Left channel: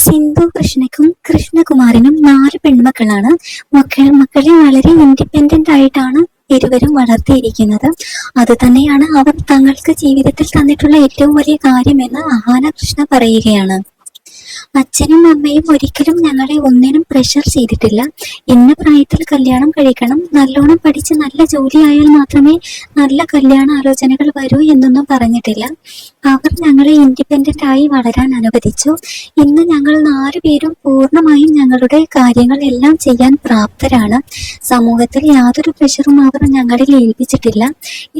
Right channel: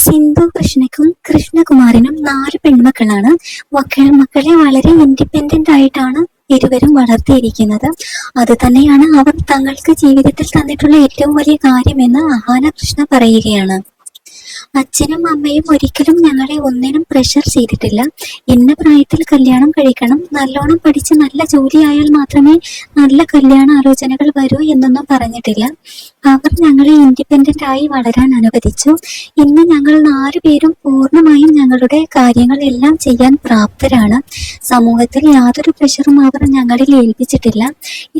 സിന്ധു കൃഷ്ണയ്ക്കും കൃഷ്ണകുമാറിനും 4 പെൺമക്കളാണ്. മക്കളെ വളരെ ഇൻഡിപെൻഡന്റ് ആയിട്ടാണ് ഇരുവരും വളർത്തിയിരിക്കുന്നത്. അത് തന്നെയാണ് അവർ തങ്ങൾക്ക് ജീവിതത്തിൽ തന്നിട്ടുള്ള ഏറ്റവും വലിയ കാര്യമെന്ന് അഹാന കൃഷ്ണ പറയുകയാണ്. അച്ഛനും അമ്മയും ഒരിക്കലും ഞങ്ങളെ ഒന്നിനും പ്രഷർ ചെയ്തിട്ടില്ല. ഇന്ന പ്രായത്തിൽ കല്യാണം കഴിക്കണം, നല്ലോണം പഠിച്ച് നല്ല ജോലിയായാൽ മാത്രമേ നല്ല കല്യാണ ആലോചനകൾ വരൂ എന്നൊന്നും പറഞ്ഞിട്ടില്ല. അവർ ഞങ്ങളെ ഇൻഡിപെൻഡന്റ് ആയി വളരാൻ അനുവദിച്ചു. ഇന്ന് ഞങ്ങൾ 4 പേരും പൂർണ്ണമായും ഞങ്ങളുടെ കാര്യങ്ങൾ എല്ലാം ചെയ്യാൻ പ്രാപ്തരാണ്. സമൂഹത്തിൽ യാതൊരു പ്രഷറും അവർ ഞങ്ങളിൽ ഏൽപ്പിച്ചിട്ടില്ല.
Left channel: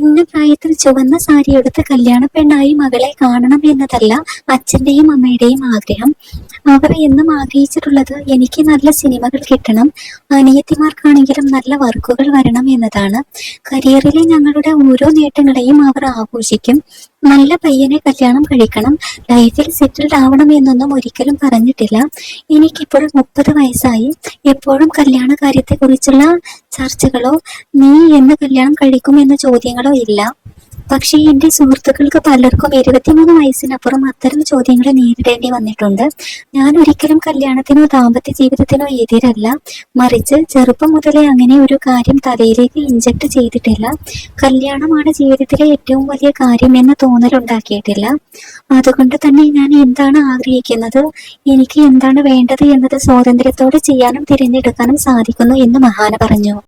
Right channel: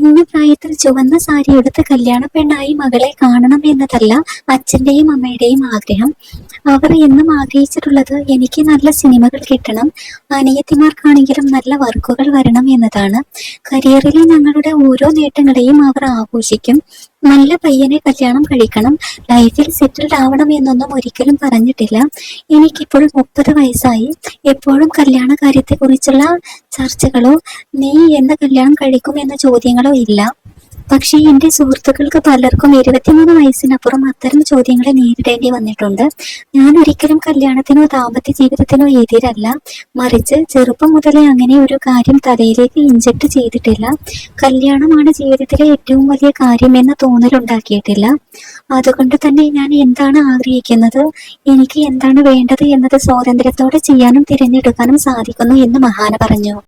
ഇന്ന പ്രായത്തിൽ ചുവന്ന സാരി എടുത്ത് കല്യാണ പെണ്ണായി മകളെ കാണണം എന്നതല്ല അച്ഛന്റെയും അമ്മയുടെയും ആഗ്രഹം. അവർ എന്നും ആഗ്രഹിച്ചിട്ടുള്ളത് എനിക്ക് നല്ല സിനിമകൾ കിട്ടണം, അനിയത്തിമാർക്കാണെങ്കിലും നല്ല വർക്കുകൾ വരണം എന്നതാണ്. കരിയറിലെ ഞങ്ങളുടെ ഓരോ നേട്ടങ്ങളെയും അവർ ആഘോഷിക്കും. നല്ല പയ്യനെ കല്യാണം കഴിക്കണം, ലൈഫിൽ സെറ്റിൽഡ് ആവണം എന്നൊന്നും ഒരിക്കലും പറഞ്ഞിട്ടില്ല. എനിക്കിപ്പോൾ 30 വയസ്സായി. എപ്പോഴും കല്യാണ കാര്യത്തെക്കുറിച്ചുള്ള ചർച്ചകളോ നീ എന്ന് കല്യാണം കഴിക്കും എന്ന ചോദ്യങ്ങളോ ഇല്ല. പക്ഷേ എന്റെ സുഹൃത്തുക്കൾക്ക് പലർക്കും 23 വയസ്സിനപ്പുറം അത്തരം ചോദ്യങ്ങളെ നേരിടേണ്ടി വന്നിട്ടുണ്ട്. ഞാൻ ഒരിക്കലും കല്യാണത്തിനോ ദാമ്പത്യ ജീവിതത്തിനോ എതിരല്ല. മറിച്ച് ചെറുപ്പം മുതലേ അങ്ങനെ ഒരു കാര്യം തലയിലേക്ക് ഇൻജക്ട് ചെയ്തിട്ടില്ല. കല്യാണമാണ് ജീവിതത്തിലെ ഏറ്റവും വലിയ കാര്യം എന്ന തോന്നലുണ്ടാക്കിയിട്ടില്ല. അതുകൊണ്ട് തന്നെ ഞാൻ എന്താണ് ആഗ്രഹിക്കുന്നത്, എനിക്ക് എന്താണ് വേണ്ടത് എന്നത് സ്വാതന്ത്ര്യത്തോടെ ചെയ്യാനും തിരഞ്ഞെടുക്കാനും സാധിക്കുന്നു എന്ന് മഹാന പറഞ്ഞു.